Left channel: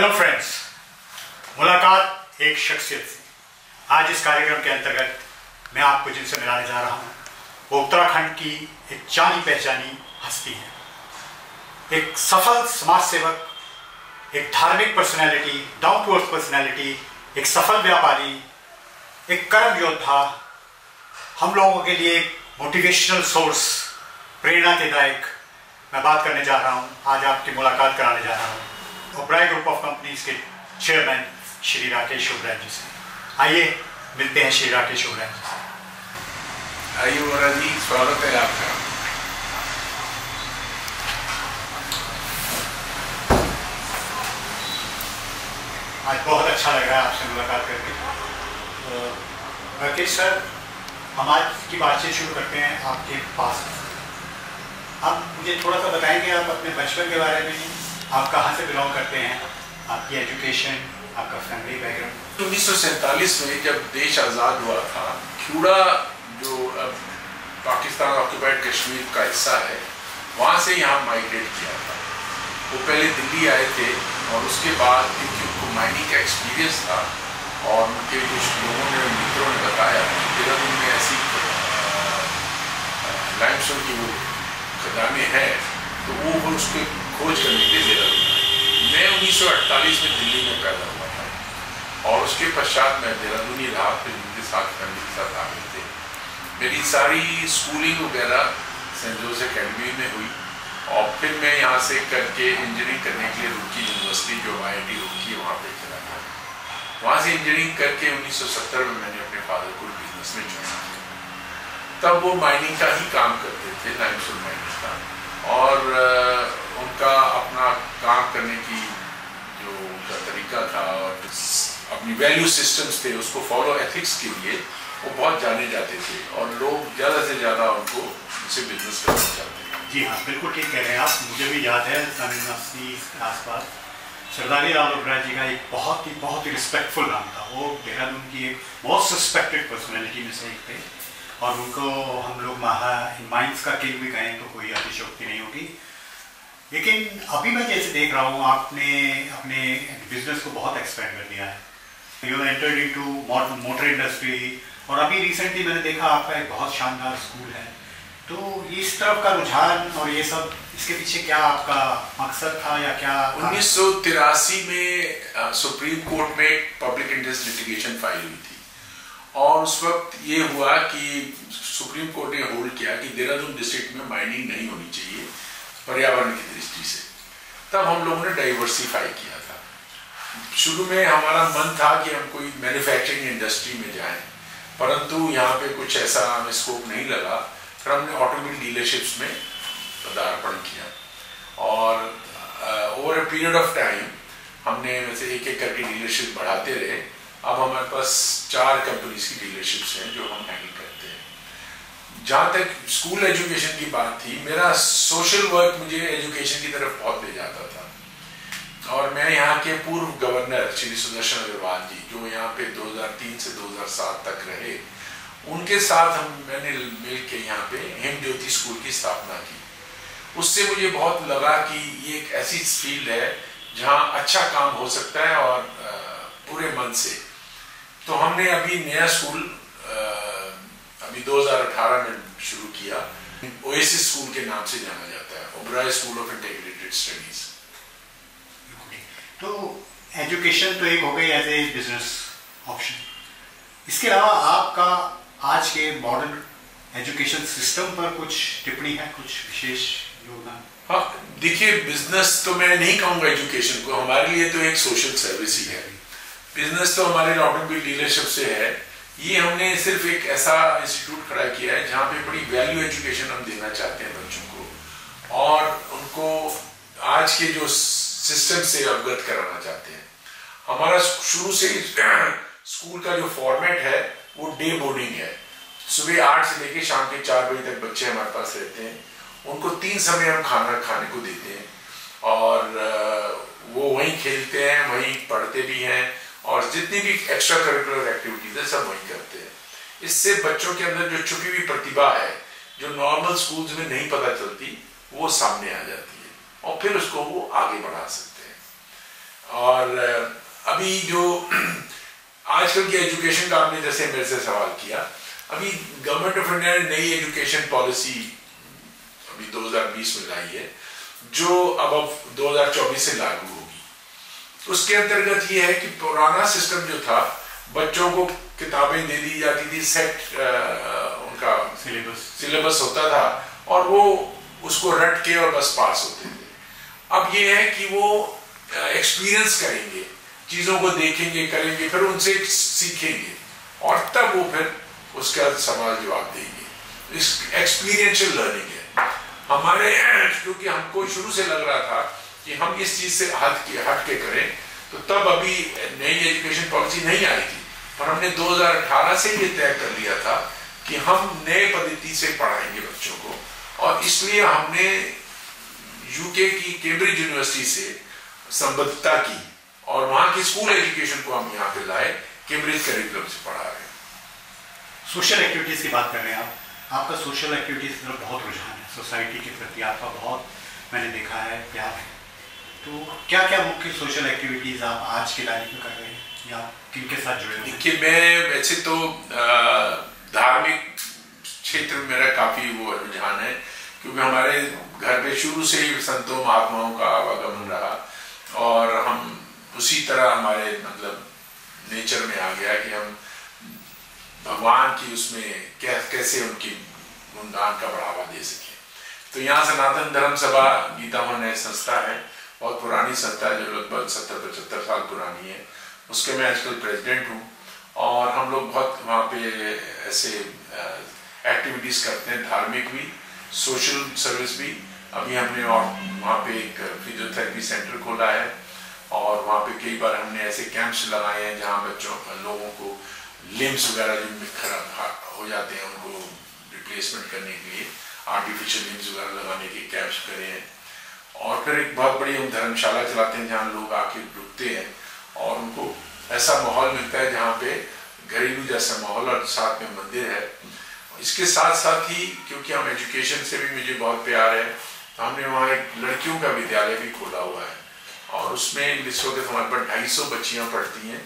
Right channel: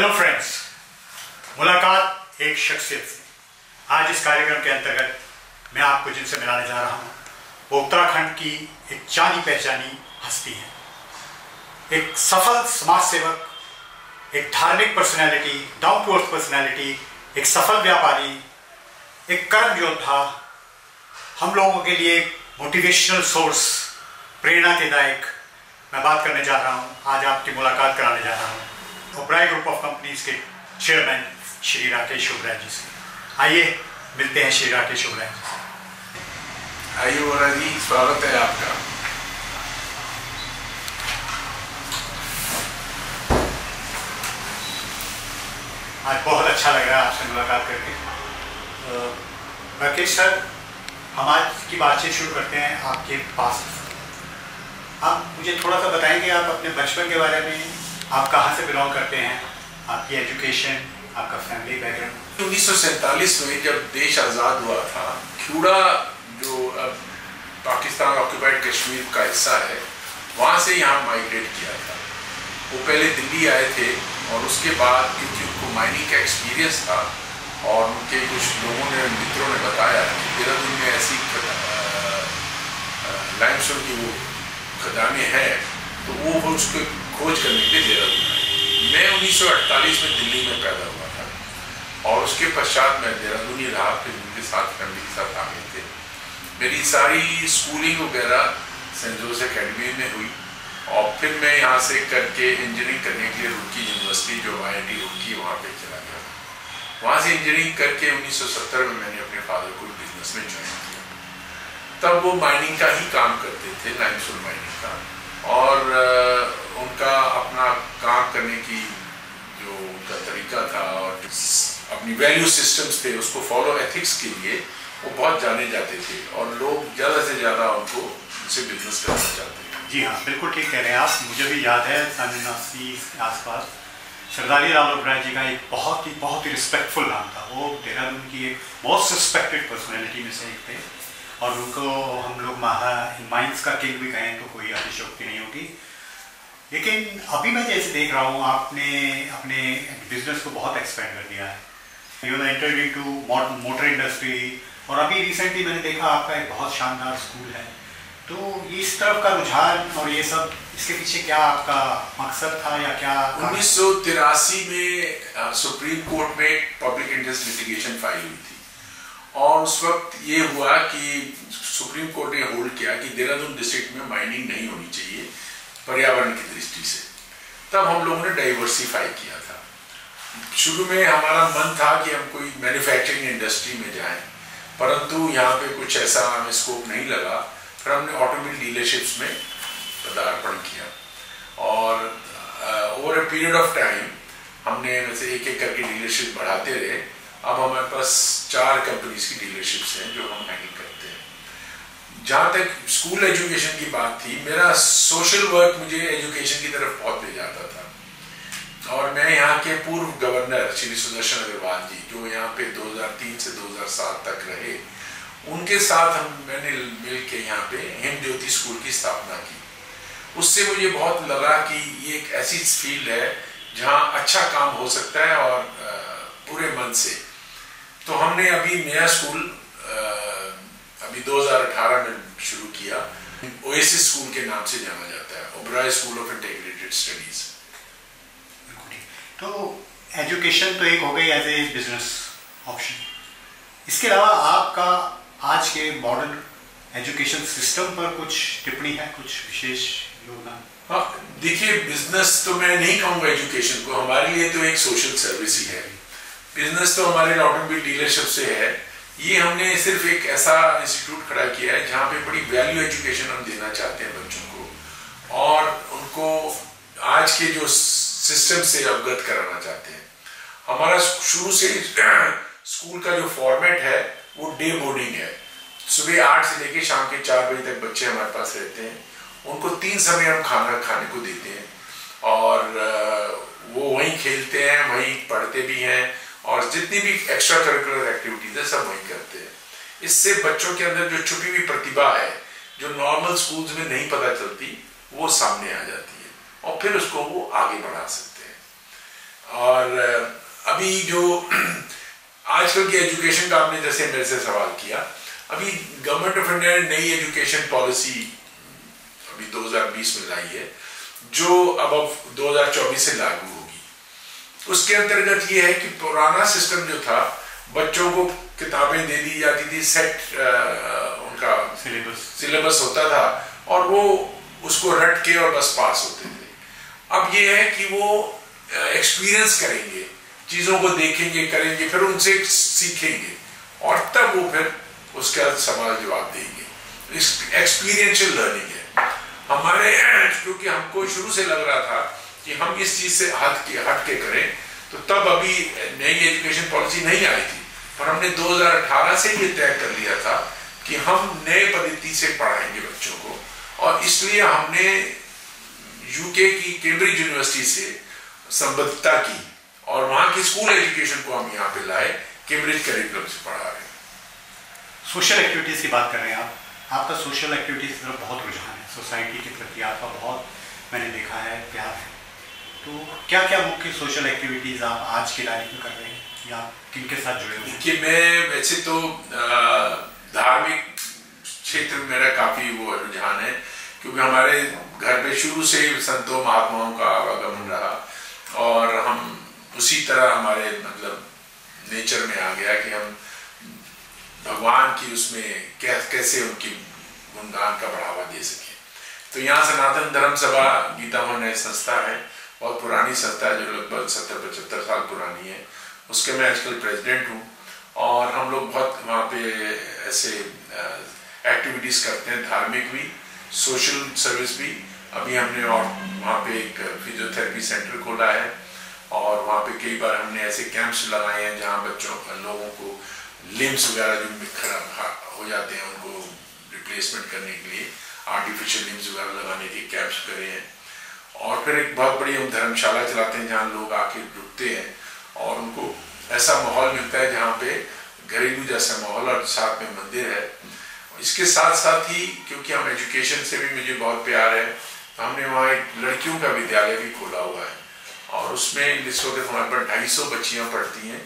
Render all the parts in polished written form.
Hello friends, मुलाकात एक शख्सियत से। आज इस कार्यक्रम के अंतर्गत मैं आपको जिनसे मिलाने जा रहा हूँ वो उत्तराखंड की एक जानी पहचानी हस्ती है, एक सफल समाज सेवक, एक धार्मिक personality, down to earth personality, एक सफल व्यापारी, एक कर्म योद्धा, हम लोगों के लिए एक मोटिवेशनल सोर्स, प्रेरणा के दायक। मैं बात करने जा रहा हूँ, आज आपकी मुलाकात कराने जा रहा हूँ ओबराय ग्रुप ऑफ कंपनीज के चेयरमैन श्री राकेश ओबराय जी से। आइए मिलते हैं श्री राकेश ओबराय जी से। आइए ओबरा जी, स्वागत है आपका। आज बहुत अच्छा लगा आपसे मुलाकात करके। राकेश सर, हम आज की बातचीत शुरू करते हैं आपके पास। आप मुझे थोड़ा सा बताएंगे आप अपने बचपन के बारे में, आप कहाँ से बिलोंग करते हैं, आपकी एजुकेशन, आपका फैमिली बैकग्राउंड। 1947 में जब देश आज़ाद हुआ था, क्यूड़ा जो अब पाकिस्तान ऑक्यूपाइड कश्मीर का हिस्सा है, वहाँ से यहाँ माइग्रेट किया था। वो पहले दिल्ली आए थे और उसके बाद क्योंकि उनको माइनिंग का एक्सपीरियंस था और उनके कुछ लोगों ने, मित्रों ने बताया कि देहरादून में ऐसी लाइमस्टोन की वो खदानें हैं, तो वो उसको खोज करने के लिए देहरादून आए। मैं 1948 में दिल्ली में पैदा हुआ था और उसके पश्चात मैं देहरादून ही रहा, फिर उनके साथ फैमिली के साथ आ गए थे। मेरी सारी स्कूलिंग वगैरह सेंट जोसेफ अकेडमी में हुई और फिर मैं यहाँ से करके इंजीनियरिंग करने के लिए रुड़की यूनिवर्सिटी, जो IIT रुड़की, वहाँ पे चला गया। वहाँ से इंजीनियरिंग करके 1970 में मैंने अपने फादर को बिजनेस में ज्वाइन किया। तब वो माइनिंग का ही काम करते थे, लाइमस्टोन माइनिंग का, और उनका अपना काम करने की जो उनका तरीका था और अपनी वैल्यू सिस्टम्स थे, उसको फॉलो, एथिक्स के लिए वो बहुत जाने जाते थे और लोग ज़्यादा से ज़्यादा उनको उनसे बिजनेस करना चाहते थे। जी हाँ, बिल्कुल ठीक कह रहे हैं आप। मुझे भी याद है सन 1980 के आसपास सरदारी राव ओबराय जी का एक बहुत ही रिस्पेक्टफुल नाम था। वो देहरादून की एक मोस्ट रिस्पेक्टेड पर्सनैलिटी में से एक थे और उनको हम लोग माइंस का किंग भी कहें तो कोई अतिशयोक्ति नहीं होगी। लेकिन अभी मैं जैसे देख रहा हूँ, आपने अपने बिजनेस को बहुत एक्सपेंड कर दिया है। You entered into motor industry और अभी रिसेंटली मैंने देखा आपका एक बहुत शानदार स्कूल है। तो इस तरफ का रुझान और ये सब, इसके पीछे क्या आपका मकसद था या क्या? 1983 में सुप्रीम कोर्ट में पब्लिक इंटरेस्ट लिटिगेशन फाइल हुई थी और उस वक्त ये हुआ कि सुप्रीम कोर्ट ने होल्ड किया कि देहरादून डिस्ट्रिक्ट में माइनिंग नहीं होनी चाहिए पर्यावरण की दृष्टि से। तब हम लोगों ने डाइवर्सिफाई किया था। शुरू में हमारा मन था कि हम कोई मैन्युफैक्चरिंग इंडस्ट्री में जाएं, परंतु यहाँ पे कुछ ऐसा हमें स्कोप नहीं लगा। फिर हमने ऑटोमोबाइल डीलरशिप्स में पदार्पण किया और over a period of time हमने वैसे एक करके डीलरशिप बढ़ाते रहे। अब हमारे पास 4 कंपनीज की डीलरशिप्स हैं जो हम हैंडल करते हैं। जहाँ तक स्कूल एजुकेशन की बात थी, मेरा सोशल वर्क मुझे एजुकेशन की तरफ बहुत ले जाता था और मैं यहाँ के पूर्व गवर्नर श्री सुदर्शन अग्रवाल जी, जो यहाँ पे 2003 से 2007 तक रहे, उनके साथ मैंने मिल के यहाँ पे हिम ज्योति स्कूल की स्थापना की। उससे मुझे बहुत लगा कि ये एक ऐसी फील्ड है जहाँ अच्छा काम हो सकता है और पूरे मन से। तो हमने अभी नया स्कूल अभी 2018 में शुरू किया। ओएसिस स्कूल के नाम से जाना जाता है, Oberoi school of integrated studies. तो एजुकेशन तो एक हो गई एज ए बिजनेस ऑप्शन। इसके अलावा आपका आज के मॉडर्न एजुकेशन सिस्टम पर कुछ टिप्पणी है, कुछ विशेष योगदान? हाँ, देखिए, बिजनेस तो मैं नहीं कहूँगा एजुकेशन को, हमारे लिए तो एक सोशल सर्विस ही है। बिजनेस तो हमारे ऑटोमोबाइल डीलरशिप से है। ये हमने सिर्फ एक ऐसा इंस्टीट्यूट खड़ा किया है जहाँ पे बड़ी वैल्यू एजुकेशन हम देना चाहते हैं बच्चों को और उनको आज के जो सिस्टम से अवगत कराना चाहते हैं। हमारा शुरू से स्कूल का जो फॉर्मेट है वो डे बोर्डिंग है। सुबह 8 से लेके शाम के 4 बजे तक बच्चे हमारे पास रहते हैं। उनको 3 समय हम खाना खाने को देते हैं और वो वहीं खेलते हैं, वहीं पढ़ते भी हैं और जितनी भी एक्स्ट्रा करिकुलर एक्टिविटीज है सब वहीं करते हैं। इससे बच्चों के अंदर जो छुपी हुई प्रतिभा है, जो नॉर्मल स्कूल्स में नहीं पता चलती, वो सामने आ जाती है और फिर उसको वो आगे बढ़ा सकते हैं। और और अभी जो आजकल की एजुकेशन का आपने जैसे मेरे से सवाल किया, अभी गवर्नमेंट ऑफ इंडिया ने नई एजुकेशन पॉलिसी अभी 2020 में लाई है, जो अब 2024 से लागू होगी। उसके अंतर्गत ये है कि पुराना सिस्टम जो था, बच्चों को किताबें दे दी जाती थी, सेट उनका सिलेबस होता था और वो उसको रट के और बस पास होते थे। अब ये है कि वो एक्सपीरियंस करेंगे, चीजों को देखेंगे, करेंगे, फिर उनसे सीखेंगे और तब वो फिर उसका सवाल जवाब देंगे। एक्सपीरियंशियल लर्निंग है हमारे, क्योंकि हमको शुरू से लग रहा था कि हम इस चीज से हट के करें, तो तब अभी नई एजुकेशन पॉलिसी नहीं आई थी, पर हमने 2018 से ये तय कर लिया था कि हम नए पद्धति से पढ़ाएंगे बच्चों को, और इसलिए हमने यूके की कैम्ब्रिज यूनिवर्सिटी से संबद्धता की और वहां की स्कूल एजुकेशन को हम यहाँ पे लाए, कैम्ब्रिज करिकुलम से पढ़ा रहे हैं। सोशल एक्टिविटीज की बात कर रहे हैं आप, आपका सोशल एक्टिविटीज की तरफ बहुत रुझान है, सोसाइटी के प्रति आपका बहुत, मैंने देखा है, प्यार है। तो क्या क्या मुख्य सोशल एक्टिविटीज आप आज की लाइफ में कर रहे हैं या किनके साथ जुड़े हुए हैं? देखिए, मैं वैसे तो धार्मिक क्षेत्र में मेरा काफी वो रुझान है, क्योंकि हमारे घर पे शुरू से ही संतों महात्माओं का आवागमन रहा और हम उसी तरह हमारे मतलब नेचर में आ गया कि हम भगवान की उसमें कैसे उनकी गुणगान का बढ़ावा दे सके। तो यहाँ सनातन धर्म सभा गीता भवन संस्था है, बहुत पुरानी संस्था है जो लगभग 70-75 साल पुरानी है, उसके मैं आजकल प्रेसिडेंट हूँ। और हम लोग बहुत वहाँ पे ऐसे एक्टिविटीज करते हैं, धार्मिक भी, सोशल सर्विस भी। अभी हमने और वहाँ पे एक फिजियोथेरेपी सेंटर खोला है और वहाँ पे कई बार हमने ऐसे कैंप्स लगाए हैं जहाँ लोगों को लिम्स वगैरह जो खराब हो जाते हैं उनको रिप्लेसमेंट करने के लिए आर्टिफिशियल लिम्स वगैरह लगाने के कैंप्स करे हैं। और फिर एक बहुत बड़ी हम धर्मशाला चलाते हैं जहाँ लोग आके रुकते हैं और उनको ऐसा माहौल मिलता है जहाँ पे घरेलू जैसा माहौल और साथ में मंदिर है। इसके साथ साथ ही क्योंकि हम एजुकेशन से भी मुझे बहुत प्यार है, तो हमने वहाँ एक लड़कियों का विद्यालय भी खोला हुआ है और उसमें इस वक्त हमारे पास 250 बच्चियाँ पढ़ती हैं,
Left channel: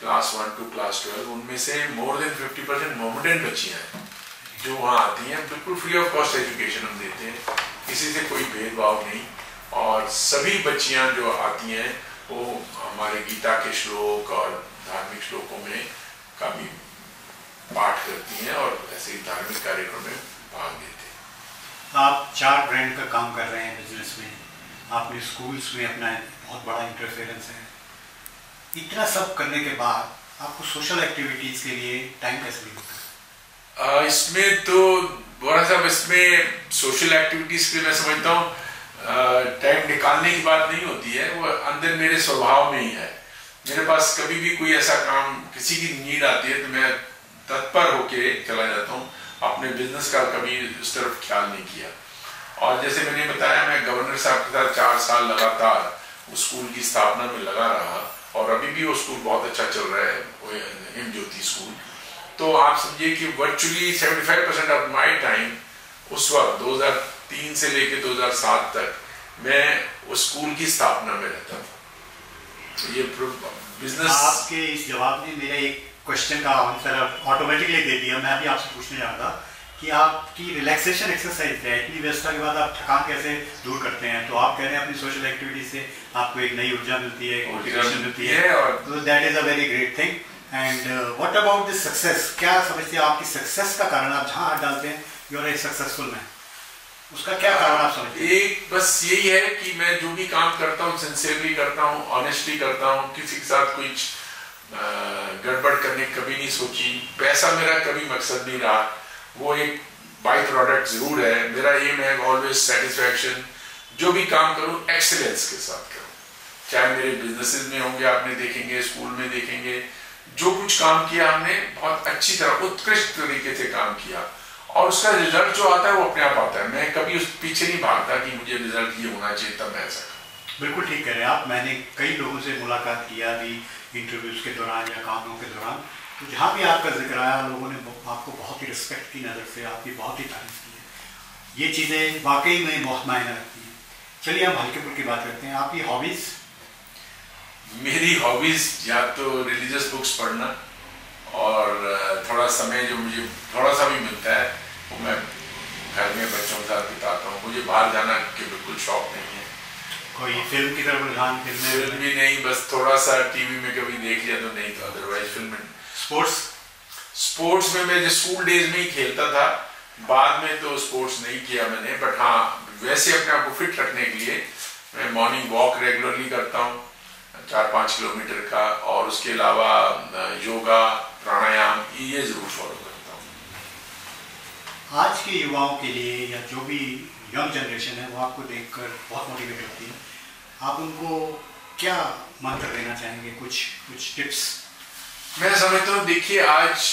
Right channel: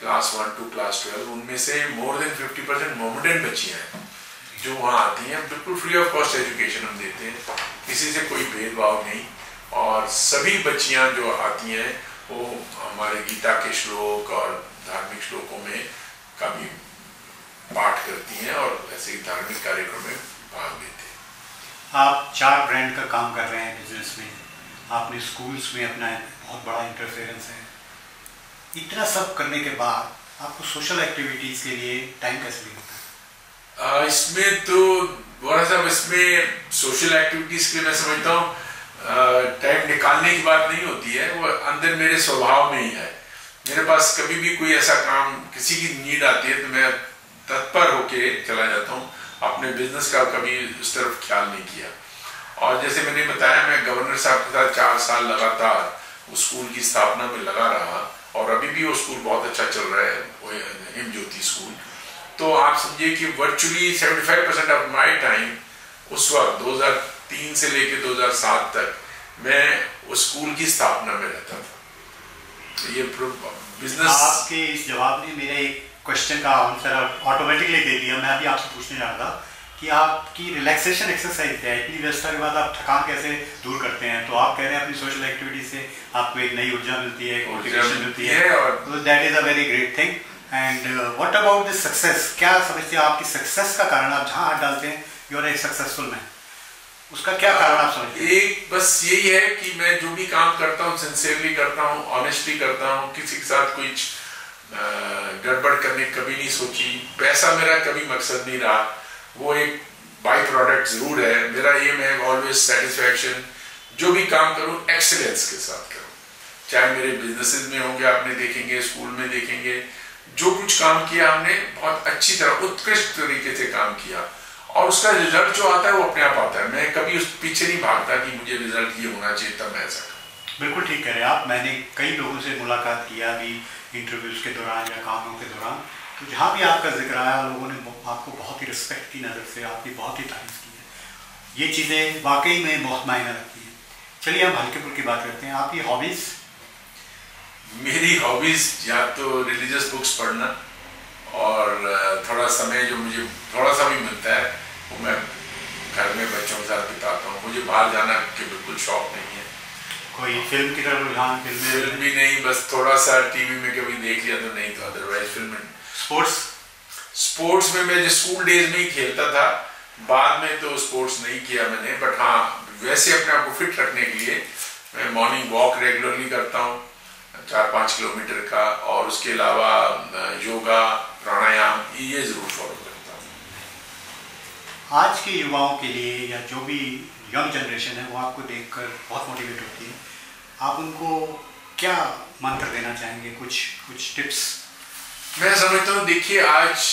क्लास 1 to क्लास 12। उनमें से मोर देन 50% मोमेडियन बच्चियाँ हैं जो वहाँ आती हैं। बिल्कुल फ्री ऑफ कॉस्ट एजुकेशन हम देते हैं, किसी से कोई भेदभाव नहीं, और सभी बच्चियाँ जो आती हैं वो हमारे गीता के श्लोक और धार्मिक श्लोकों में का भी पाठ करती हैं और ऐसे ही धार्मिक कार्यक्रम में भाग लेते हैं। आप 4 ब्रांड का काम कर रहे हैं बिजनेस में, आपने स्कूल्स में अपना बहुत बड़ा इंटरफेरेंस है। इतना सब करने के बाद आपको सोशल एक्टिविटीज के लिए टाइम कैसे मिलता है? इसमें तो बड़ा सा इसमें सोशल एक्टिविटीज के लिए मैं समझता हूँ टाइम निकालने की बात नहीं होती है, वो अंदर मेरे स्वभाव में ही है। मेरे पास कभी भी कोई ऐसा काम, किसी की नीड आती है तो मैं तत्पर होके चला जाता हूँ। अपने बिजनेस का कभी उस तरफ ख्याल नहीं किया। और जैसे मैंने बताया, मैं गवर्नर साहब के साथ 4 साल लगातार उस स्कूल की स्थापना में लगा रहा और अभी भी वो स्कूल बहुत अच्छा चल रहा है, वो हिम ज्योति स्कूल। तो आप समझिए कि वर्चुअली 75% ऑफ माय टाइम उस वक्त 2003 से लेकर 2007 तक मैं उस स्कूल की स्थापना में रहता था। तो ये बिजनेस, आपके इस जवाब ने मेरे एक क्वेश्चन का आंसर ऑटोमेटिकली दे दिया। मैं अभी आपसे पूछने जा रहा था कि आपकी रिलैक्सेशन एक्सरसाइज है, इतनी व्यस्तता के बाद आप थकान कैसे दूर करते हैं? तो आप कह रहे हैं अपनी सोशल एक्टिविटी से आपको एक नई ऊर्जा मिलती है, मोटिवेशन मिलती है, तो that is a very great thing. And what about this success? क्या समझते हैं आपकी सक्सेस का कारण? आप जहाँ हाथ डालते हैं you are a successful man, उसका क्या कारण आप समझते हैं? एक बस यही है कि मैं जो भी काम करता हूँ सिंसियरली करता हूँ, ऑनेस्टली करता हूँ, किसी के साथ कुछ गड़बड़ करने कभी नहीं सोची। पैसा मेरा कभी मकसद नहीं रहा, वो एक बाई प्रोडक्ट जरूर है। मेरा एम है ऑलवेज सेटिस्फैक्शन। जो भी काम करूं एक्सीलेंस के साथ करूं, चाहे मेरे बिजनेसेस में होंगे, आपने देखेंगे, स्कूल में देखेंगे, जो कुछ काम किया हमने बहुत अच्छी तरह उत्कृष्ट तरीके से काम किया और उसका रिजल्ट जो आता है वो अपने आप आता है। मैं कभी उस पीछे नहीं भागता कि मुझे रिजल्ट ये होना चाहिए तब मैं ऐसा करूं। बिल्कुल ठीक कह रहे हैं आप। मैंने कई लोगों से मुलाकात किया अभी इंटरव्यूज के दौरान या कामों के दौरान, तो जहाँ भी आपका जिक्र आया लोगों ने आपको बहुत ही रिस्पेक्ट की नज़र से आपकी बहुत ही तारीफ की है। ये चीज़ें वाकई में बहुत मायने रखती हैं। चलिए हम हल्के फुल्की बात करते हैं। आपकी हॉबीज? मेरी हॉबीज या तो रिलीजियस बुक्स पढ़ना और थोड़ा समय जो मुझे थोड़ा सा भी मिलता है वो मैं घर में बच्चों के साथ बिताता हूँ। मुझे बाहर जाना के बिल्कुल शौक नहीं है। कोई फिल्म की तरफ रुझान? फिल्म भी नहीं, बस थोड़ा सा टीवी में कभी देख लिया तो, नहीं तो अदरवाइज फिल्म। स्पोर्ट्स में मैं स्कूल डेज में ही खेलता था, बाद में तो स्पोर्ट्स नहीं किया मैंने। बट हाँ, वैसे अपने आप को फिट रखने के लिए मैं मॉर्निंग वॉक रेगुलरली करता हूँ 4-5 किलोमीटर का, और उसके अलावा योगा प्राणायाम ये जरूर फॉलो करता हूँ। आज के युवाओं के लिए या जो भी यंग जनरेशन है वो आपको देखकर बहुत मोटिवेट होती है, आप उनको क्या मंत्र देना चाहेंगे? कुछ टिप्स? मैं समझता हूँ, देखिए आज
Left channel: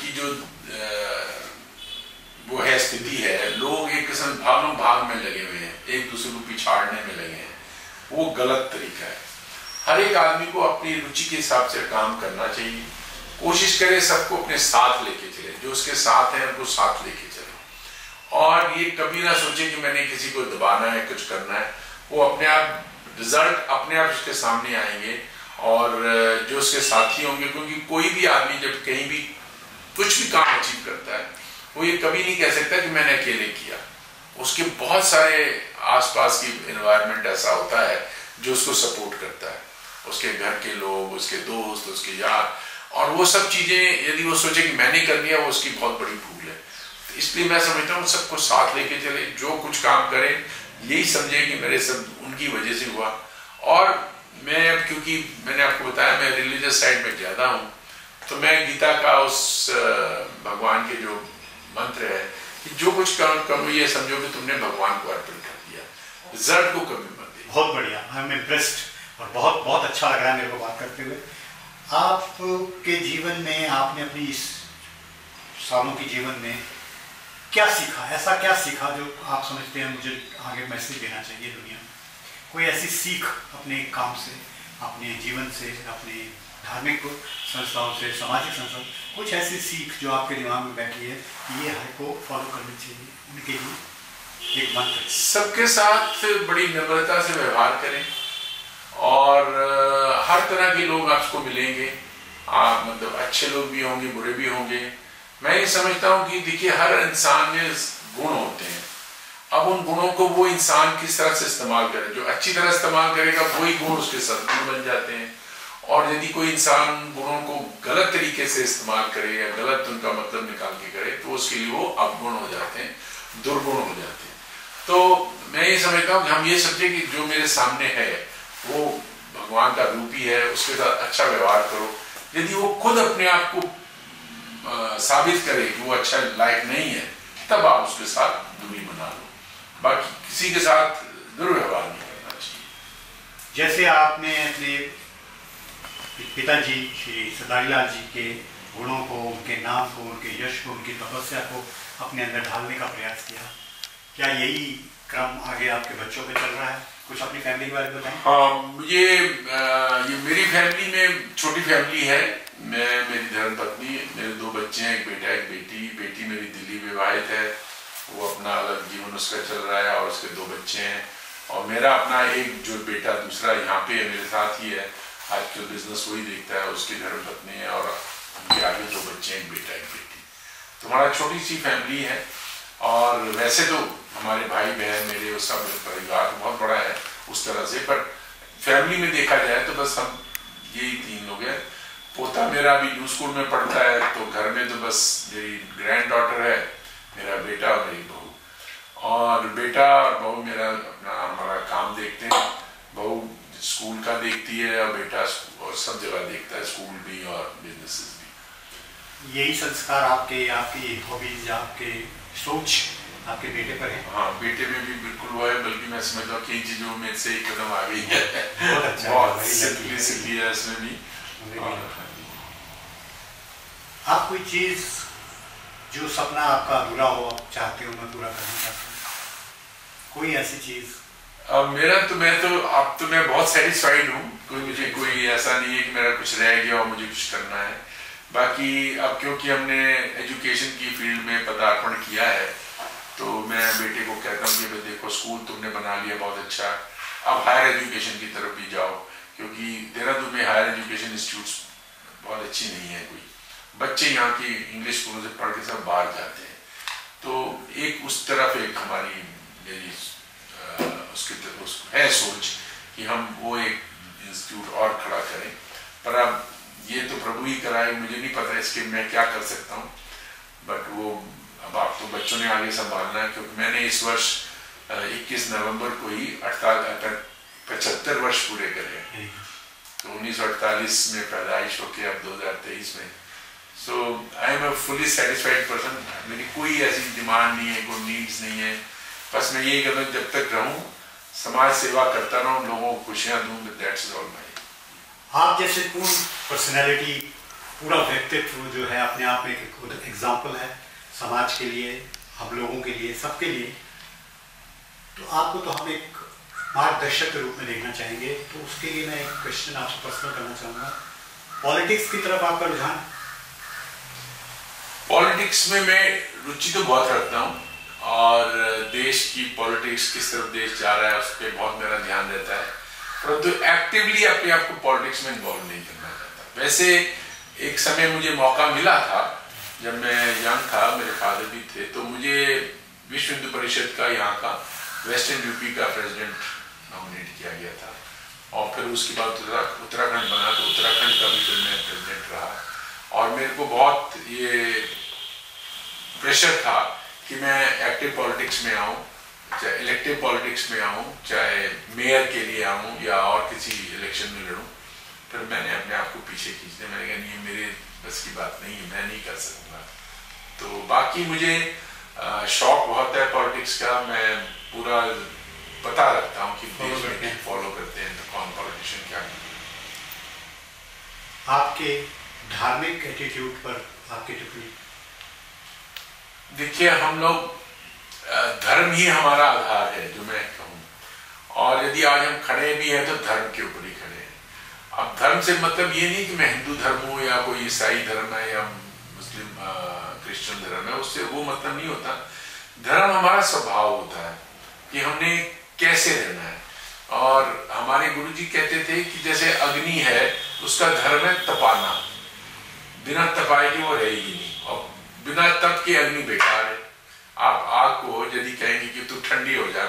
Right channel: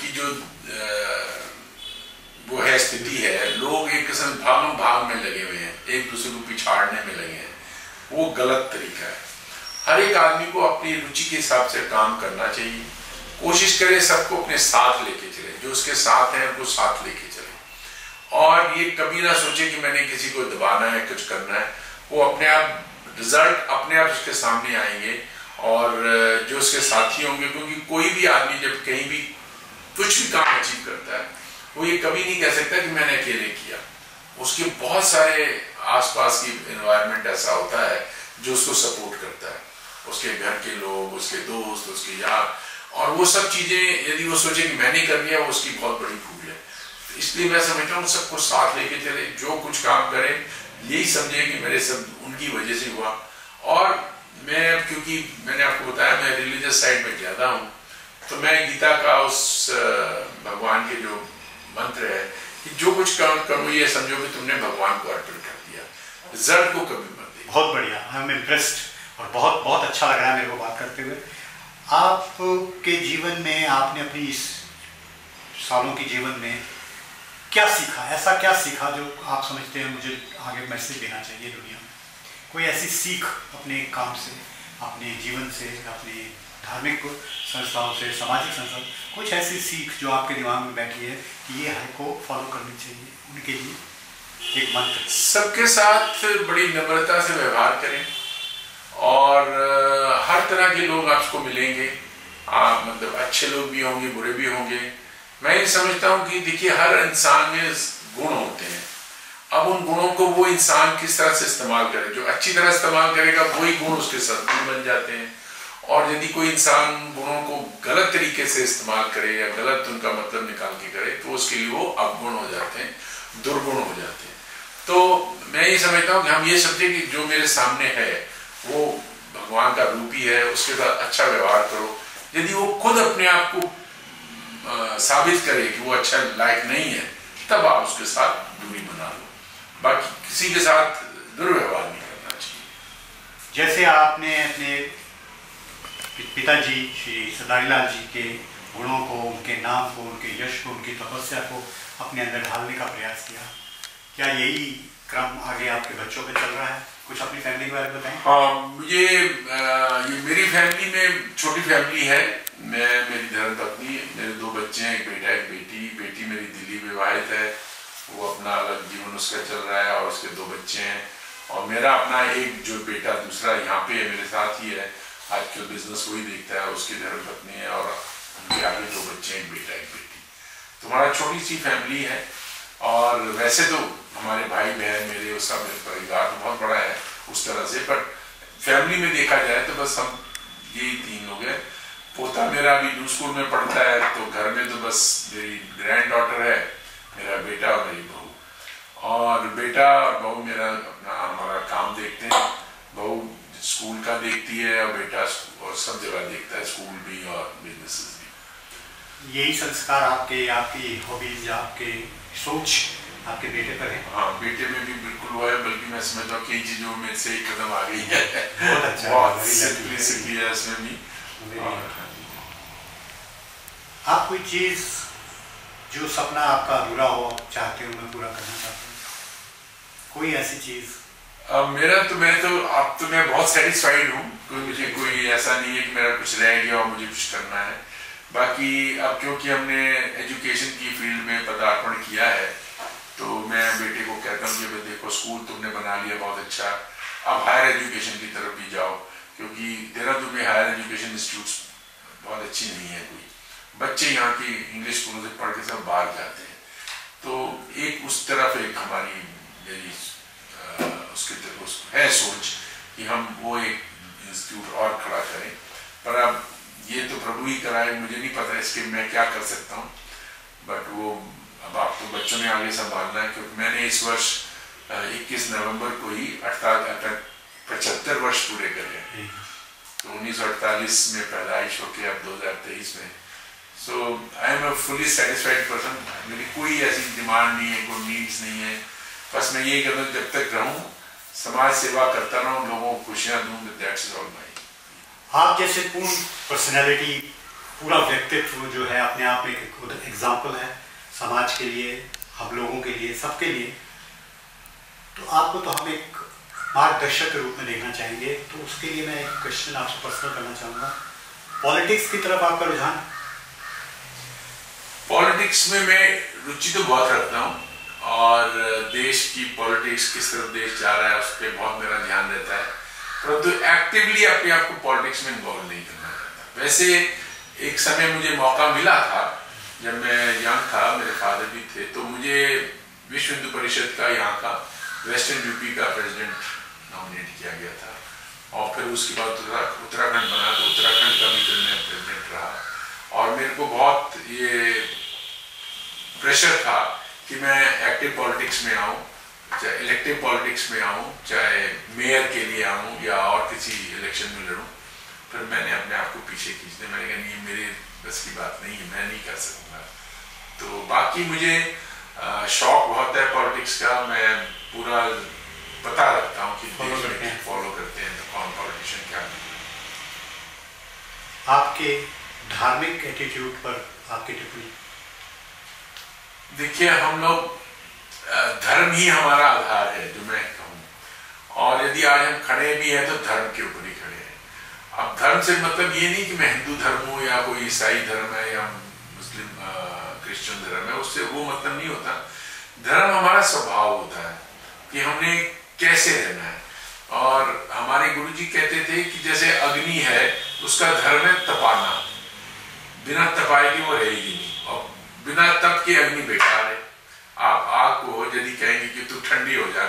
की जो वो है स्थिति है, लोग एक किस्म भागम भाग में लगे हुए हैं, एक दूसरे को पिछाड़ने में लगे हैं, वो गलत तरीका है। हर एक आदमी को अपनी रुचि के हिसाब से काम करना चाहिए, कोशिश करे सबको अपने साथ लेके चले, जो उसके साथ है उनको साथ लेके चले, और ये कभी ना सोचे कि मैंने किसी को दबाना है, कुछ करना है। वो अपने आप रिजल्ट अपने आप उसके सामने आएंगे, और जो उसके साथी होंगे, क्योंकि कोई भी आदमी जब कहीं भी कुछ भी काम अचीव करता है वो ये कभी नहीं कह सकता कि मैंने अकेले किया, उसके बहुत सारे आसपास की एनवायरनमेंट ऐसा होता है जो उसको सपोर्ट करता है, उसके घर के लोग, उसके दोस्त, उसके यार, और वो सब चीजें यदि वो सोचे कि मैंने कर लिया, वो उसकी बहुत बड़ी भूल है। तो इसलिए मैं समझता हूँ सबको साथ लेके चले, जो कुछ काम करें यही समझे कि मेरे सब उनकी वजह से हुआ। और मैं, क्योंकि मैंने आपको बताया मैं रिलीजियस साइड में ज्यादा हूँ, तो मैं गीता का उस भगवान के जो मंत्र है कि जो कुछ काम करो ये समझो कि तुमने भगवान को अर्पण कर दिया, रिजल्ट को कभी मत देखो। बहुत बढ़िया, आई एम इम्प्रेस्ड, और बहुत बहुत अच्छा लग रहा है मेरे को बात करते हुए। आपके जीवन में, आपने अपनी इस सालों के जीवन में क्या सीखा? ऐसा क्या सीखा जो आप समझते हैं मुझे आगे मैसेज देना चाहिए दुनिया में? कोई ऐसी सीख अपने काम से, अपने जीवन से, अपने धार्मिक संस्थाओं से, सामाजिक संस्थाओं, कुछ ऐसी सीख जो आपके दिमाग में बैठी है कि ये हमको फॉलो करनी चाहिए, उनके लिए एक मंत्र? सबके साथ बड़ी नम्रता से व्यवहार करें, और हर तरह के लोग आपको मिलेंगे, मतलब अच्छे लोग भी होंगे, बुरे भी होंगे। मैं ये समझता हूँ कि देखिए हर इंसान में गुण होते हैं, अब उन गुणों को वो इंसान किस तरह से इस्तेमाल करे, जो अच्छी तरह इस्तेमाल करेगा वही गुण उसके सद्गुण बन जाते हैं, और यदि कोई इंसान गुणों को गलत तरीके से इस्तेमाल करे या गलत उनका मतलब निकाल के करे तो उसके लिए वो अवगुण हो जाते हैं, दुर्गुण हो जाते हैं। तो मैं ये समझता हूँ कि हम ये समझे कि जो मेरे सामने है वो भगवान का रूप ही है, उसके साथ अच्छा व्यवहार करो। यदि वो खुद अपने आप को साबित करे कि वो अच्छा लायक नहीं है, तब आप उसके साथ दूरी बना लो, बाकी किसी के साथ दुर्व्यवहार नहीं करना चाहिए। जैसे आपने अपने पिताजी श्री सरदारी लाल जी के गुणों को, उनके नाम को, उनके यश को, उनकी तपस्या को अपने अंदर ढालने का प्रयास किया, क्या यही क्रम आगे आपके बच्चों पे चल रहा है? कुछ अपनी फैमिली के बारे में बताएं। हाँ, ये मेरी फैमिली में छोटी फैमिली है। मैं, मेरी धर्मपत्नी, मेरे 2 बच्चे हैं, एक बेटा एक बेटी। बेटी मेरी दिल्ली विवाहित है, वो अपना अलग जीवन उसका चल रहा है, और उसके 2 बच्चे हैं। और मेरा अपना एक जो बेटा दूसरा यहाँ पे है, मेरे साथ ही है, आज के बिजनेस वही देखता है, उसकी धर्मपत्नी है, और उनके आगे 2 बच्चे हैं, एक बेटा एक बेटी। तो हमारा छोटी सी फैमिली है, और वैसे तो हमारे भाई बहन मेरे, उसका परिवार बहुत बड़ा है उस तरह से, बट फैमिली में देखा जाए तो बस हम यही 3 लोग हैं। पोता मेरा अभी न्यू स्कूल में पढ़ता है, तो घर में तो बस मेरी ग्रैंड डॉटर है, मेरा बेटा और मेरी बहू। और बेटा और बहू मेरा अपना हमारा काम देखते हैं, बहू स्कूल का देखती है और बेटा और सब जगह देखता है, स्कूल भी और बिजनेसेस भी। यही संस्कार आपकी हॉबीज, आपके सोच आपके बेटे पर है? हाँ, बेटे में भी बिल्कुल वो है, बल्कि मैं समझता हूँ कई चीजों में से एक कदम आ गई है। बहुत अच्छा, बहुत सिंपलिसिटी है इसमें भी। आप कोई चीज जो सपना आपका अधूरा हो, आप चाहते हो मैं पूरा करना चाहता हूँ, कोई ऐसी चीज? अब तो मैं बहुत सेटिस्फाइड हूँ, कोई ऐसा नहीं है कि मेरा कुछ रह गया और मुझे कुछ करना है। बाकी अब क्योंकि हमने एजुकेशन की फील्ड में पदार्पण किया है, तो मैं बेटे को कहता हूँ कि देखो स्कूल तुमने बना लिया बहुत अच्छा, अब हायर एजुकेशन की तरफ भी जाओ, क्योंकि देहरादून में हायर एजुकेशन इंस्टीट्यूट्स बहुत अच्छी नहीं है कोई, बच्चे यहाँ की इंग्लिश स्कूलों से पढ़ के सब बाहर जाते हैं। तो एक उस तरफ एक हमारी मेरी उसकी तरफ है सोच कि हम वो एक इंस्टीट्यूट और खड़ा करें, पर अब ये तो प्रभु ही कराए, मुझे नहीं पता इसके मैं क्या कर सकता हूँ, बट वो अब आपको बच्चों ने आगे संभालना है। क्योंकि मैंने इस वर्ष 21 नवंबर को ही 75 वर्ष पूरे करे, तो 1948 में पैदाइश होके अब 2023 में। So I am a fully satisfied person, मेरी कोई ऐसी डिमांड नहीं है, कोई नीड्स नहीं है, बस मैं ये कहता हूँ जब तक रहूँ समाज सेवा करता रहूँ, लोगों को खुशियाँ दूँ, दैट्स ऑल माय। आप जैसे पूर्ण पर्सनैलिटी, पूरा व्यक्तित्व जो है अपने आप में एक एग्जाम्पल है समाज के लिए, हम लोगों के लिए, सबके लिए। तो आपको तो हम एक मार्गदर्शक के रूप में देखना चाहेंगे, तो उसके लिए मैं एक क्वेश्चन आपसे पर्सनल करना चाहूँगा। पॉलिटिक्स की तरफ आपका रुझान? पॉलिटिक्स में मैं रुचि तो बहुत रखता हूँ, और देश की पॉलिटिक्स, किस तरफ देश जा रहा है उस पर बहुत मेरा ध्यान रहता है, परंतु एक्टिवली अपने आप को पॉलिटिक्स में इन्वॉल्व नहीं करना चाहता। वैसे एक समय मुझे मौका मिला था जब मैं यंग था, मेरे फादर भी थे, तो मुझे विश्व हिंदू परिषद का यहाँ का वेस्टर्न यूपी का प्रेसिडेंट नॉमिनेट किया गया था, और फिर उसके बाद उत्तराखंड बना, तो उत्तराखंड का भी फिर मैं प्रेसिडेंट रहा, और मेरे को बहुत ये प्रेशर था कि मैं एक्टिव पॉलिटिक्स में आऊँ, चाहे इलेक्टिव पॉलिटिक्स में आऊँ, चाहे मेयर के लिए आऊँ या और किसी इलेक्शन में लड़ूँ। फिर मैंने अपने आप को पीछे खींचने, मैंने कहा नहीं, मेरे बस की बात नहीं है, मैं नहीं कर सकूँगा। तो बाकी मुझे शौक बहुत है पॉलिटिक्स का, मैं पूरा पता रखता हूँ कि देश में फॉलो करते हैं तो कौन पॉलिटिशियन क्या करते हैं। आपके धार्मिक एटीट्यूड पर आपकी टिप्पणी? देखिए, हम लोग धर्म ही हमारा आधार है, जो मैं कहूँ, और यदि आज हम खड़े भी हैं तो धर्म के ऊपर ही खड़े हैं। अब धर्म से मतलब ये नहीं कि मैं हिंदू धर्म हूँ या कोई ईसाई धर्म है या मुस्लिम क्रिश्चियन धर्म है, उससे वो मतलब नहीं होता। धर्म हमारा स्वभाव होता है कि हमने कैसे रहना है, और हमारे गुरुजी कहते थे कि जैसे अग्नि है, उसका धर्म है तपाना, बिना तपाए की वो रहेगी नहीं, और बिना तप के अग्नि बेकार है। आप आग को यदि कहेंगे कि तू ठंडी हो जा,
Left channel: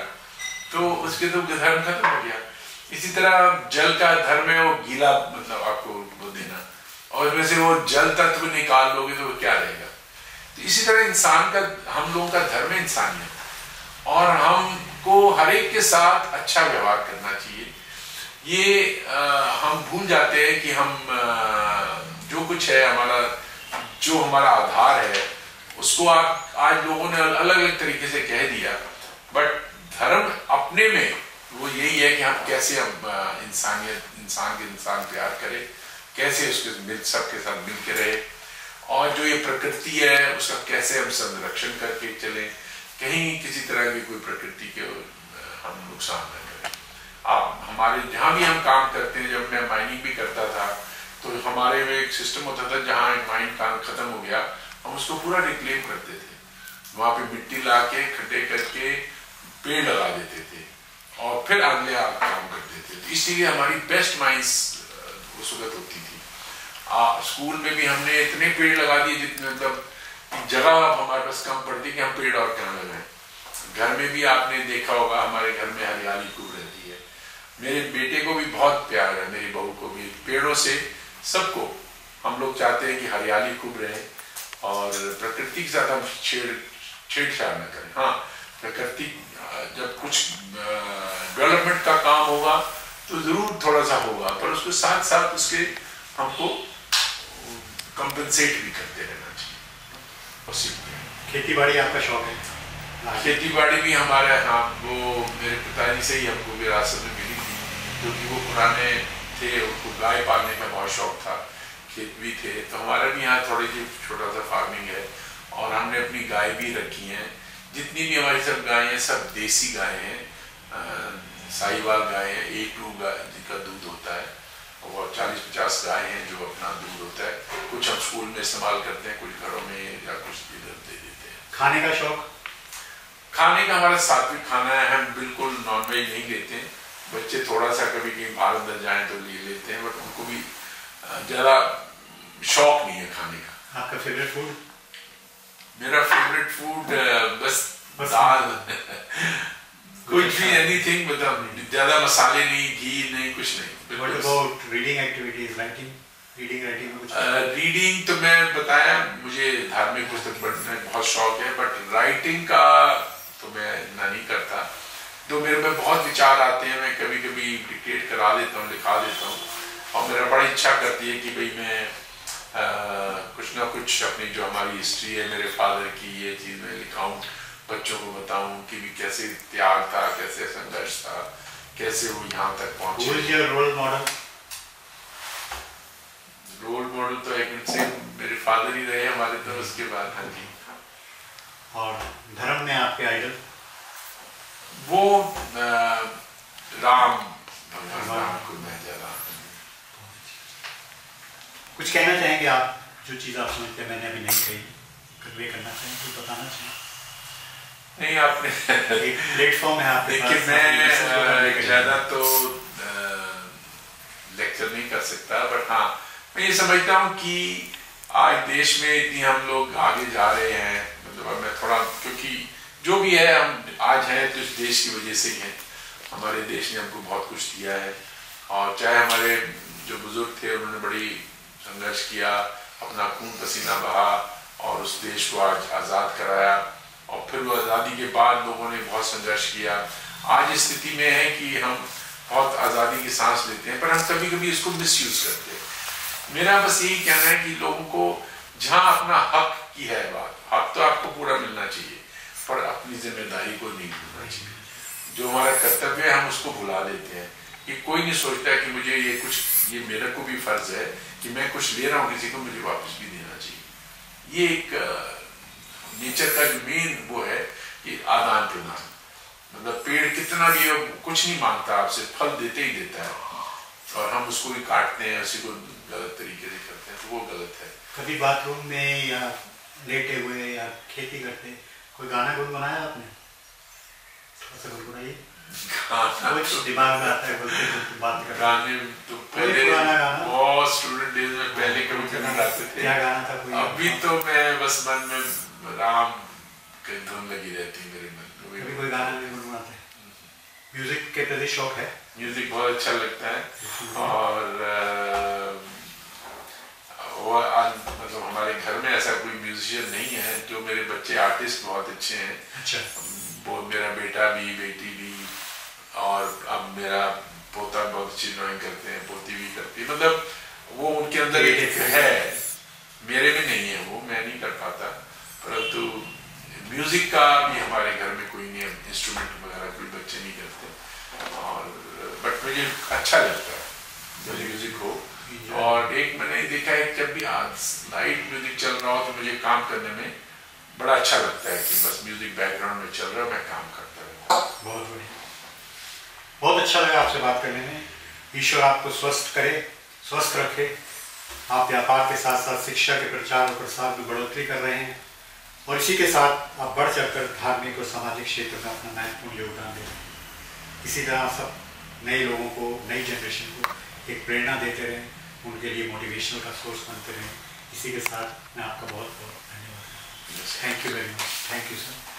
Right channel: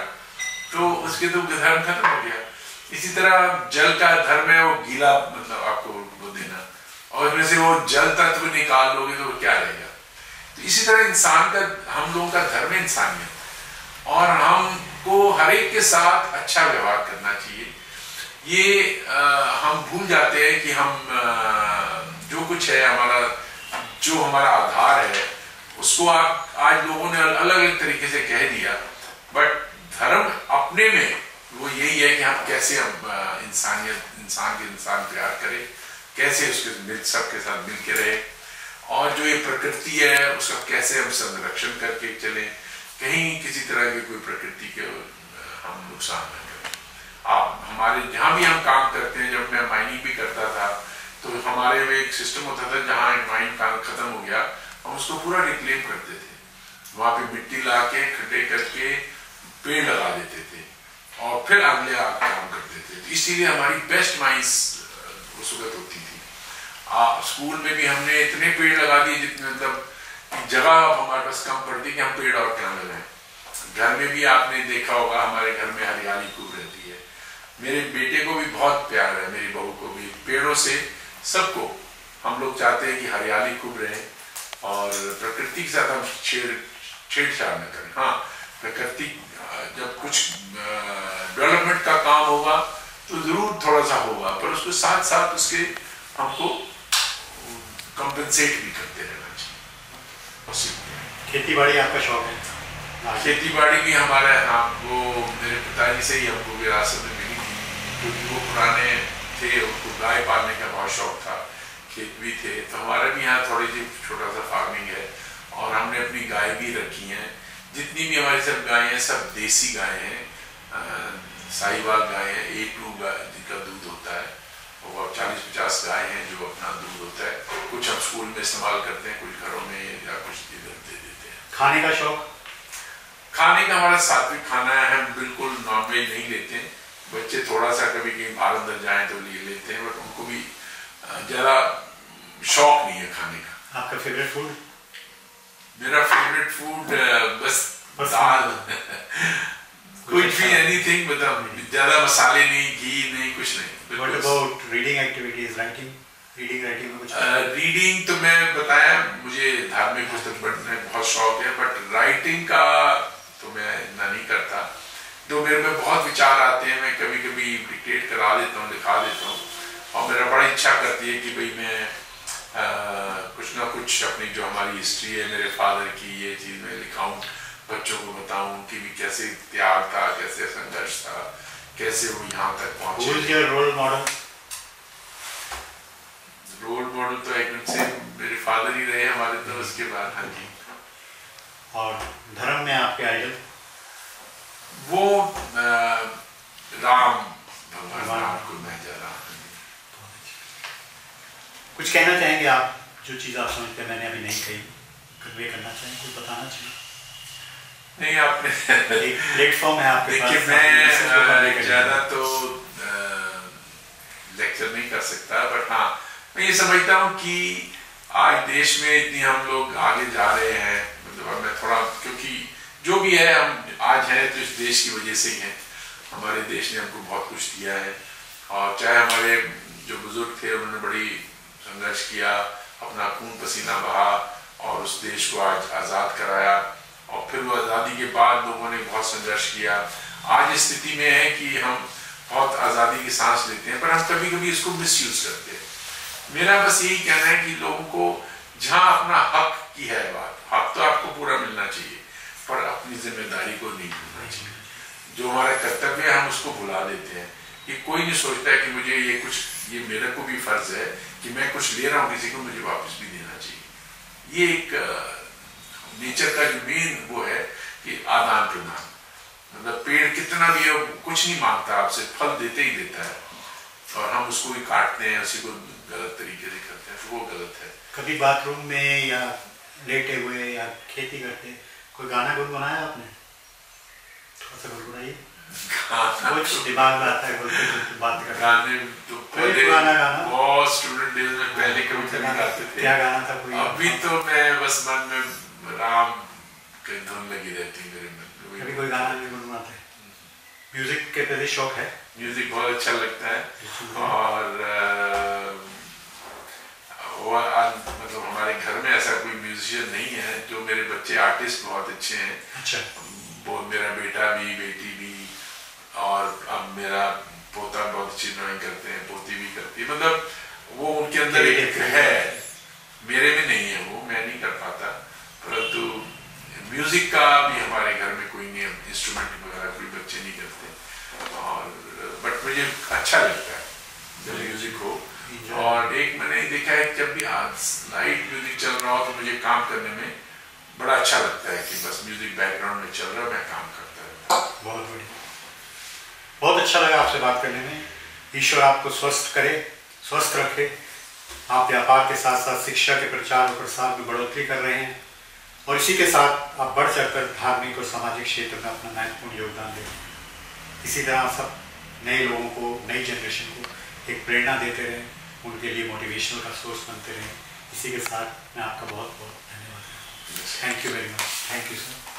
तो उसके तो धर्म खत्म हो गया। इसी तरह जल का धर्म है वो गीला, मतलब आपको वो देना, और उसमें से वो जल तत्व निकाल लोगे तो वो क्या रहेगा। तो इसी तरह इंसान का, हम लोगों का धर्म है इंसानियत, और हमको हर एक के साथ अच्छा व्यवहार करना चाहिए। ये हम भूल जाते हैं कि हम जो कुछ है हमारा, जो हमारा आधार है, उसको आज लोगों ने अलग अलग तरीके से कह दिया, बट धर्म अपने में वो यही है कि हम कैसे इंसानियत, इंसान के इंसान प्यार करें, कैसे उसके सबके साथ मिल के रहे, और जो ये प्रकृति है उसका कैसे हम संरक्षण करके चले, कहीं किसी तरह की कोई प्रकृति के हम नुकसान न करें। आप हमारे जहाँ भी हम काम करते हैं, जब मैं माइनिंग भी करता था तो हमारे में एक सिस्टम होता था, जहाँ माइनिंग काम खत्म हो गया हम उसको पूरा रिक्लेम करते थे, वहां पे मिट्टी ला के खड्डे करके पेड़ लगा देते थे, और फिर अगले काम करते थे। तो इसीलिए हमारी बेस्ट माइंस उस वक्त होती थी। स्कूल में भी हमने इतने पेड़ लगा दिए जितने, मतलब जगह हमारे पास कम पड़ती कि हम पेड़ और क्या लगाएं। घर में भी आपने देखा होगा, हमारे घर में हरियाली खूब रहती है, मेरे बेटे को भी बहुत प्यार है, मेरी बहू को भी, पेड़ों से सबको हम लोग चाहते हैं कि हरियाली खूब रहे, और प्रकृति के साथ हम छेड़छाड़ न करें। हाँ, प्रकृति जब कुछ डेवलपमेंट का काम होगा तो जरूर थोड़ा सा होगा, पर उसके साथ साथ उसके हमको कंपेंसेट भी करते रहना चाहिए। खेती बाड़ी आपका शौक है? खेती बाड़ी भी हमारा, हाँ, वो मेरे पिताजी से ही हमको विरासत में मिली थी, क्योंकि वो पुराने थे, उनको गाय पालने का बहुत शौक था, खेत भी थे, तो हमारा भी यहाँ थोड़ी सी छोटा सा फार्मिंग है, और हमने अपनी गाय भी रखी है। जितनी भी हमारी सब गाय हैं सब देसी गाय हैं, साहिवाल गाय है, A2 गाय जिनका दूध होता है, और 40-50 गाय हैं जो अपना दूध होता है। कुछ हम स्कूल में इस्तेमाल करते हैं, कुछ घरों में, या कुछ इधर दे देते हैं। खाने का शौक? खाने का हमारा सात्विक खाना है, हम बिल्कुल नॉनवेज नहीं लेते, बच्चे थोड़ा सा कभी कहीं बाहर अंदर जाएं तो ले लेते हैं, बट उनको भी ज़्यादा शौक नहीं है खाने का। आपका फेवरेट फूड? मेरा फेवरेट फूड बस दाल कुछ भी, एनीथिंग, मतलब ज़्यादा मसाले नहीं, घी नहीं, कुछ नहीं। What about reading activities, writing? Reading writing में कुछ? रीडिंग तो मैं बताया, मुझे धार्मिक पुस्तक पढ़ने में बहुत शौक है, बट राइटिंग का तो मैं इतना नहीं करता। तो मेरे में बहुत विचार आते हैं, मैं कभी कभी डिक्टेट करा देता हूँ, लिखा देता हूँ, और मेरा बड़ी इच्छा करती है कि भाई मैं कुछ ना कुछ अपनी जो हमारी हिस्ट्री है मेरे फादर की, ये चीज़ मैं लिखाऊं, बच्चों को बताऊं कि भी कैसे त्याग था, कैसे संघर्ष था, कैसे वो यहाँ तक पहुंचे। Who is your role model? Role model तो एक से मेरे फादर ही रहे हमारे, तो उसके बाद हाँ जी। और धर्म में आपके आइडल? वो राम, भगवान राम को मैं ज़्यादा। कुछ कहना चाहेंगे आप, जो चीज़ आप समझते हैं मैंने अभी नहीं कही, कन्वे करना चाहेंगे, कुछ बताना चाहिए? नहीं, आपने एक प्लेटफॉर्म है आपके पास। देखिए, मैं ज़्यादा तो लेक्चर नहीं कर सकता, बट हाँ मैं ये समझता हूँ कि आज देश में इतनी हम लोग आगे जा रहे हैं, मतलब मैं थोड़ा, क्योंकि जो भी है हम आज हैं तो इस देश की वजह से ही हैं। हमारे देश ने हमको बहुत कुछ दिया है, और चाहे हमारे जो बुजुर्ग थे उन्होंने बड़ी संघर्ष किया, अपना खून पसीना बहा और उस देश को आज आज़ाद कराया, और फिर वो आज़ादी के बाद लोगों ने बहुत संघर्ष किया। आज इस स्थिति में है कि हम बहुत आज़ादी की सांस लेते हैं, पर हम कभी कभी इसको मिसयूज करते हैं। मेरा बस यही कहना है कि लोगों को जहाँ अपना हक की है बात, हक तो आपको पूरा मिलना चाहिए, पर अपनी जिम्मेदारी को नहीं भूलना चाहिए। जो हमारा कर्तव्य है हम उसको भुला देते हैं, कि कोई नहीं सोचता कि मुझे ये मेरे को भी फर्ज है कि मैं कुछ ले रहा हूँ किसी को, मुझे वापस भी देना चाहिए। ये एक नेचर का जो मेन वो है कि आदान प्रदान, मतलब पेड़ कितना भी है कुछ नहीं मांगता आपसे, फल देते ही देता है, और हम उसको भी काटते हैं, उसी को गलत तरीके से करते हैं, तो वो गलत है। कभी बाथरूम में या लेटे हुए या खेती करते कोई गाना गुनगुनाया आपने? थोड़ा सा गुनगुनाइए, कुछ दिमाग में आता है बोलते बात करते। गाने तो पहले बहुत स्टूडेंट डेज में पहले कभी गाते थे। क्या गाना था कोई? अभी तो मैं बस मन में राम की धुन लगी रहती मेरे मन में। कभी कोई गाना नहीं गुनगुनाते? म्यूजिक के प्रति शौक है? म्यूजिक बहुत अच्छा लगता है, और मतलब हमारे घर में ऐसा कोई म्यूजिशियन नहीं है। जो मेरे बच्चे आर्टिस्ट बहुत अच्छे हैं। अच्छा। वो मेरा बेटा भी, बेटी भी, और अब मेरा पोता बहुत अच्छी ड्राइंग करते हैं, पोती भी करती है, मतलब वो उनके अंदर एक है, मेरे में नहीं है वो, मैं नहीं कर पाता। परंतु म्यूजिक का भी हमारे घर में कोई नहीं है, इंस्ट्रूमेंट वगैरह कोई बच्चे नहीं करते, और बट मुझे अच्छा लगता है जब म्यूजिक हो। और एक मैंने देखा है, जब भी लाइट म्यूजिक चल रहा हो तो मुझे काम करने में बड़ा अच्छा लगता है कि बस म्यूजिक बैकग्राउंड में चल रहा है, मैं काम करता रहता हूँ। बहुत बढ़िया, बहुत अच्छा लगा आपसे बात करने में। ईश्वर आपको स्वस्थ करे, स्वस्थ रखे। आप व्यापार के साथ साथ शिक्षा के प्रचार और प्रसार में बढ़ोतरी कर रहे हैं, और इसी के साथ आप बढ़ चढ़कर धार्मिक और सामाजिक क्षेत्र में अपना महत्वपूर्ण योगदान दें। इसी तरह आप सब नए लोगों को, नई जनरेशन को एक प्रेरणा देते रहें, उनके लिए मोटिवेशनल का सोर्स बनते रहें। इसी के साथ मैं आपका बहुत बहुत धन्यवाद करता हूँ। Thank you very much. Thank you sir.